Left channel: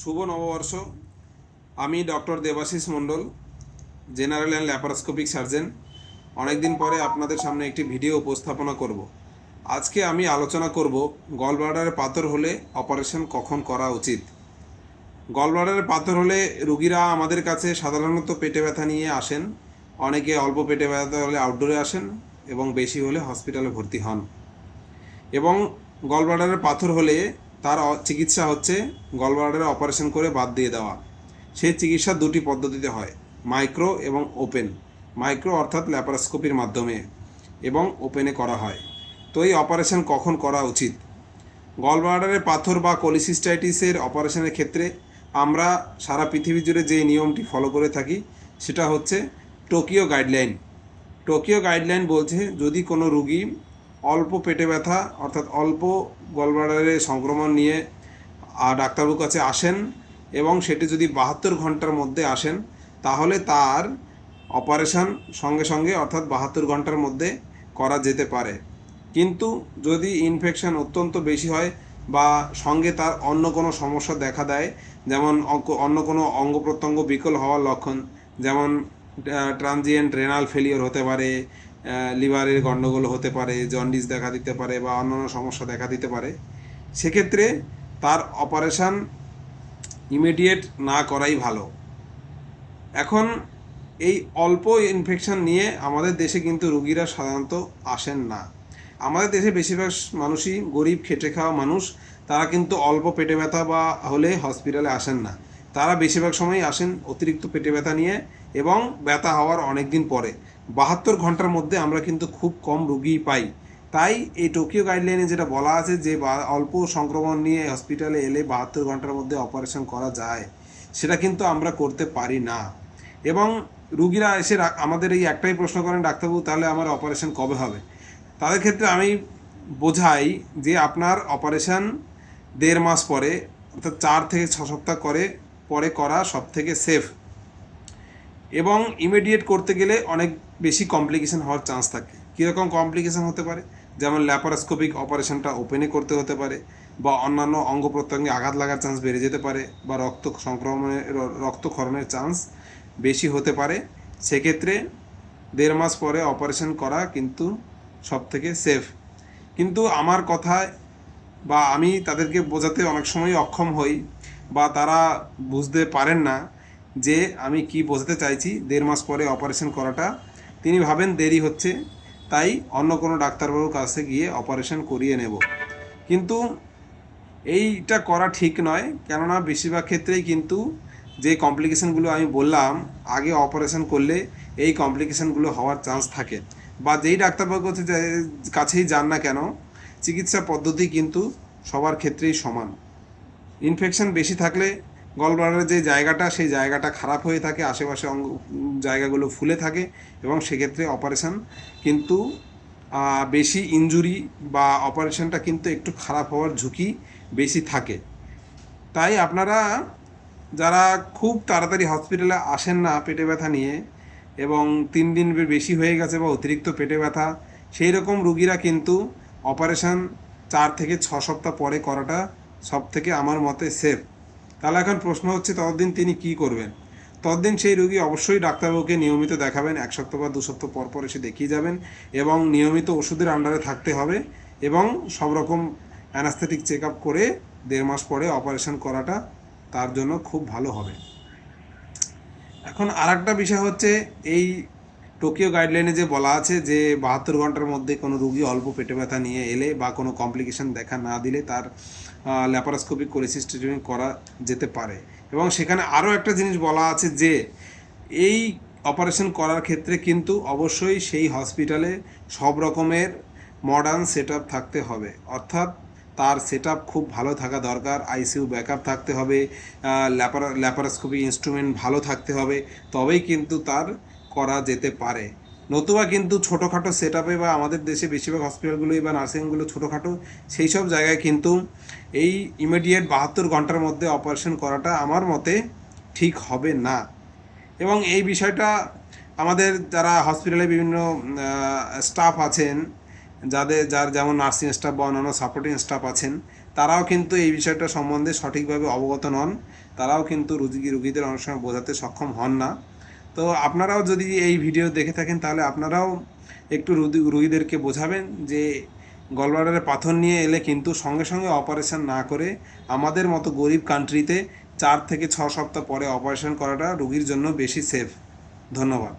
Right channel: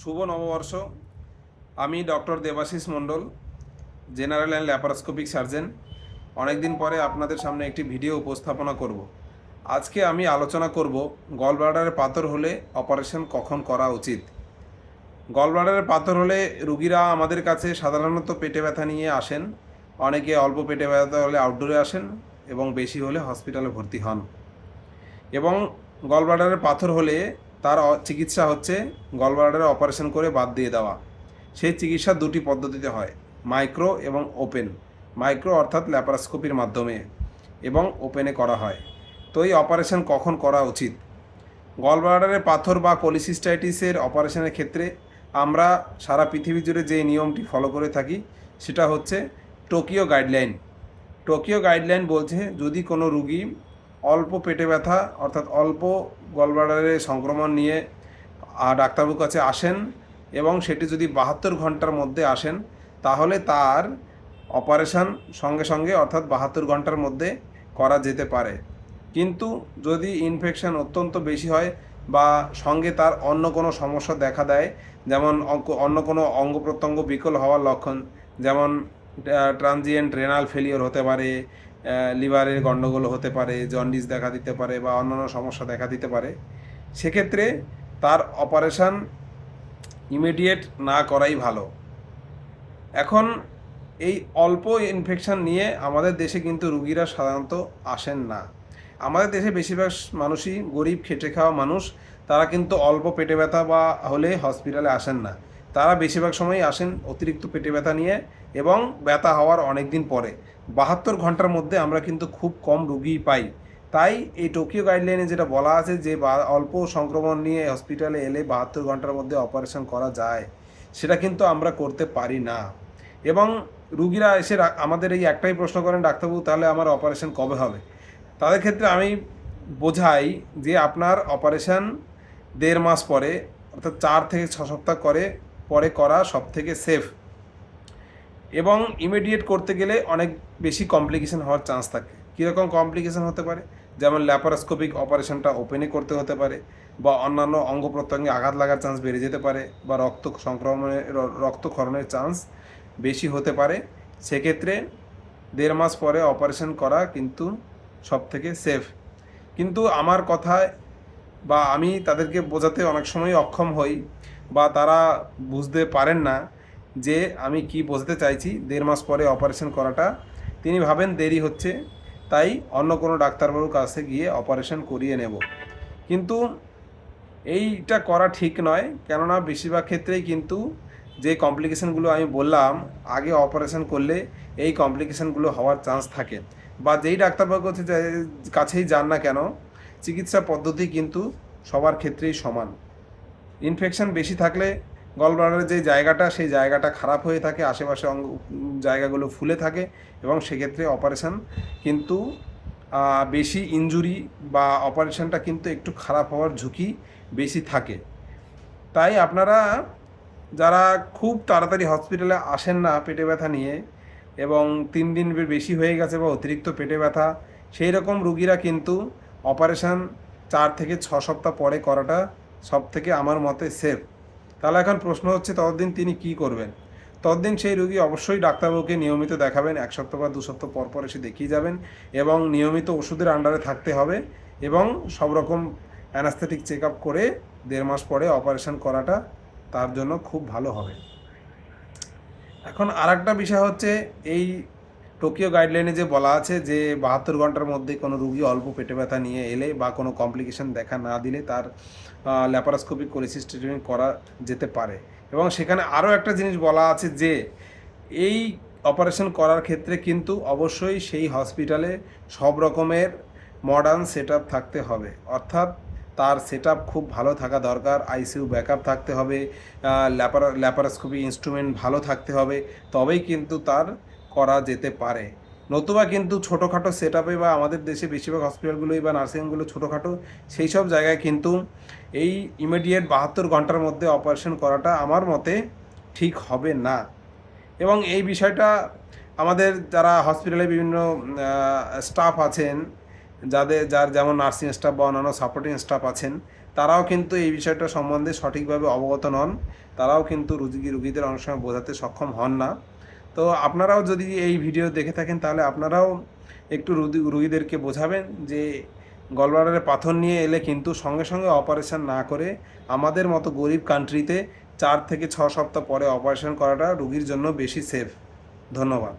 শুভ নববর্ষ। আমি doctor Debashis Mondal, general and laparoscopic surgeon. অনেক দিন পরে আপনাদের সামনে একটি ভিডিও উপস্থাপনা করব। আজকে আমি আলোচনা করব গল ব্লাডারে পাথর হলে অপারেশন কখন করা উচিত। গল ব্লাডারে পাথর হলে রুগীরা আমাদের কাছে সাধারণত পেটে ব্যথা নিয়ে আসেন। অনেকে অল্প পেটে ব্যথা হলে আউটডোরে আসেন এবং বেশি হলে হসপিটালে ভর্তি হন। এবং গল ব্লাডারে পাথর হলে তার চিকিৎসা হচ্ছে গল ব্লাডারে অপারেশন করে বাদ দিয়ে দেওয়া। সেই চিকিৎসা দুটি পদ্ধতিতে হয়, মাইক্রো এবং ওপেন। মাইক্রো অর্থাৎ ল্যাপারোস্কোপির মাধ্যমে এবং ওপেনে করা হয়। তো এই অপারেশন কখন করা উচিত? গল ব্লাডারে পাথর বা কোলিসিস্টাইটিসের অপারেশনের ক্ষেত্রে আমরা সারা পৃথিবী জুড়ে যে নিয়মটি ফলো করে থাকি সেটা হচ্ছে টোকিও গাইডলাইন। টোকিও গাইডলাইন বলছে যদি কোনো রুগী অল্প পেটে ব্যথা অর্থাৎ অল্প গলব্লাডারে সংক্রমণ নিয়ে ডাক্তারবাবুর কাছে আসেন এবং সেটি যদি 72 ঘন্টার মধ্যে আসেন তাহলে তার অপারেশন সঙ্গে সঙ্গে অর্থাৎ 72 ঘন্টার মধ্যে করা যেতে পারে। কিন্তু যদি ইনফেকশন অত্যন্ত বেশি হয় বা সঙ্গে তার অন্য কোনো সমস্যা দেখা দেয়, যেমন অন্য কোনো অঙ্গ প্রত্যঙ্গ বিকল হওয়ার লক্ষণ, যেমন ট্রানজিয়েন্ট রেনাল ফেলিওর হতে পারে, লিভারের গণ্ডগোল হতে পারে, জন্ডিস দেখা দিতে পারে বা অন্যান্য সমস্যা দেখা দিতে পারে, সেক্ষেত্রে তার অপারেশন ইমিডিয়েট না করাই ভালো। এখন এই অল্প ইনফেকশন নিয়ে আমাদের দেশে কিন্তু রুগীরা সাধারণত আসেন না। আমাদের দেশে বেশিরভাগ মানুষই গরিব, খেটে খাওয়া মানুষ। তারা কিন্তু অল্প পেটে ব্যথা বা হলে হসপিটালে আসেন না। তারা বেশিরভাগ সময়ই আসেন অতিরিক্ত পেটে ব্যথা নিয়ে এবং ব্যথা হওয়ার অনেক দিন পরে। 72 ঘন্টার মধ্যে আমরা কিন্তু খুব কম রুগীই পাই। তাই এই টোকিও গাইডলাইনে যেটা বলা আছে যে অল্প সংক্রমণ নিয়ে হসপিটালে এলে 72 ঘন্টার মধ্যে অপারেশন করা যায়, সেটা কিন্তু আমরা করতে পারি না। এবং রুগীরা এসে আমাদের এই একটাই প্রশ্ন করেন, ডাক্তারবাবু তাহলে আমার অপারেশন কবে হবে? তাদের ক্ষেত্রে আমি বোঝাই যে আপনার অপারেশন 1.5 মাস পরে অর্থাৎ 4 থেকে 6 সপ্তাহ পরে করা সব থেকে সেফ। এবং ইমিডিয়েট করতে গেলে অনেক বেশি কমপ্লিকেশন হওয়ার চান্স থাকে। কীরকম কমপ্লিকেশন হতে পারে? যেমন ল্যাপারোস্কোপিক অপারেশনটা ওপেনে করতে হতে পারে, বা অন্যান্য অঙ্গ প্রত্যঙ্গে আঘাত লাগার চান্স বেড়ে যেতে পারে, বা রক্তক্ষরণের চান্স বেশি হতে পারে। সেক্ষেত্রে 1.5 মাস পরে অপারেশন করা কিন্তু সব থেকে সেফ। কিন্তু আমার কথায় বা আমি তাদেরকে বোঝাতে অনেক সময় অক্ষম হই, বা তারা বুঝতে পারেন না যে আমি কি বোঝাতে চাইছি। 1.5 মাস পরে অপারেশন করাটা তিনি ভাবেন দেরি হচ্ছে, তাই অন্য কোনো ডাক্তারবাবুর কাছে গিয়ে অপারেশন করিয়ে নেব। কিন্তু এইটা করা ঠিক নয়, কেননা বেশিরভাগ ক্ষেত্রেই কিন্তু যে কমপ্লিকেশানগুলো আমি বললাম আগে অপারেশন করলে এই কমপ্লিকেশানগুলো হওয়ার চান্স থাকে। বা যেই ডাক্তারবাবুর কাছেই যান না কেন, চিকিৎসা পদ্ধতি কিন্তু সবার ক্ষেত্রেই সমান। ইনফেকশন বেশি থাকলে গল ব্লাডারের যে জায়গাটা সেই জায়গাটা খারাপ হয়ে থাকে, আশেপাশে জায়গাগুলো ফুলে থাকে এবং সেক্ষেত্রে অপারেশন কিন্তু বেশি ইনজুরি বা অপারেশনটা কিন্তু একটু খারাপ হওয়ার ঝুঁকি বেশি থাকে। তাই আপনারা যারা খুব তাড়াতাড়ি হসপিটালে আসেন না পেটে ব্যথা নিয়ে এবং 3 দিন বেশি হয়ে গেছে বা অতিরিক্ত পেটে ব্যথা, সেই রকম রুগীরা কিন্তু অপারেশন 4 থেকে 6 সপ্তাহ পরে করাটা সব থেকে আমার মতে সেফ। তাহলে এখন প্রশ্ন হচ্ছে ততদিন তিনি কি করবেন? ততদিন সেই রুগী অবশ্যই ডাক্তারবাবুকে নিয়মিত দেখাবেন, 1 সপ্তাহ বা 2 সপ্তাহ পর পর এসে দেখিয়ে যাবেন এবং নিয়মিত ওষুধের আন্ডারে থাকতে হবে এবং সব রকম অ্যানাস্থেটিক চেক আপ করে 1.5 মাস পরে অপারেশন করাটা তার জন্য খুব ভালো হবে। এখন আরেকটা বিষয় হচ্ছে, এই টোকিও গাইডলাইনে যে বলা আছে যে 72 ঘন্টার মধ্যে কোনো রুগী অল্প পেটে ব্যথা নিয়ে এলে বা কোনো কমপ্লিকেশন দেখা না দিলে তার ল্যাপারোস্কোপিক কোলিসিস্টেক্টমি করা যেতে পারে। এবং সেখানে আরও একটা জিনিস বলা আছে যে এই অপারেশন করার ক্ষেত্রে কিন্তু অবশ্যই সেই হসপিটালে সব রকমের মডার্ন সেট আপ থাকতে হবে। অর্থাৎ তার সেট আপ খুব ভালো থাকা দরকার, আইসিইউ ব্যাকআপ থাকতে হবে, ল্যাপারোস্কোপি ইনস্ট্রুমেন্ট ভালো থাকতে হবে, তবেই কিন্তু তার করা যেতে পারে। নতুবা কিন্তু ছোটোখাটো সেট আপে বা আমাদের দেশে বেশিরভাগ হসপিটালগুলোই বা নার্সিংহোমগুলো ছোটোখাটো, সেই সব জায়গায় কিন্তু এই ইমিডিয়েট 72 ঘন্টার মধ্যে অপারেশন করাটা আমার মতে ঠিক হবে না। এবং এই বিষয়টা আমাদের যারা হসপিটালে বিভিন্ন স্টাফ আছেন, যার যেমন নার্সিং স্টাফ বা অন্যান্য সাপোর্টিং স্টাফ আছেন, তারাও কিন্তু এই বিষয়টা সম্বন্ধে সঠিকভাবে অবগত নন, তারাও কিন্তু রুগীদের অনেক সময় বোঝাতে সক্ষম হন না। তো আপনারাও যদি এই ভিডিও দেখে থাকেন তাহলে আপনারাও একটু রুগীদেরকে বোঝাবেন যে গলব্লাডারে পাথর নিয়ে এলে কিন্তু সঙ্গে সঙ্গে অপারেশন না করে আমাদের মতো গরিব কান্ট্রিতে 4 থেকে 6 সপ্তাহ পরে অপারেশন করাটা রুগীর জন্য বেশি সেফ। ধন্যবাদ।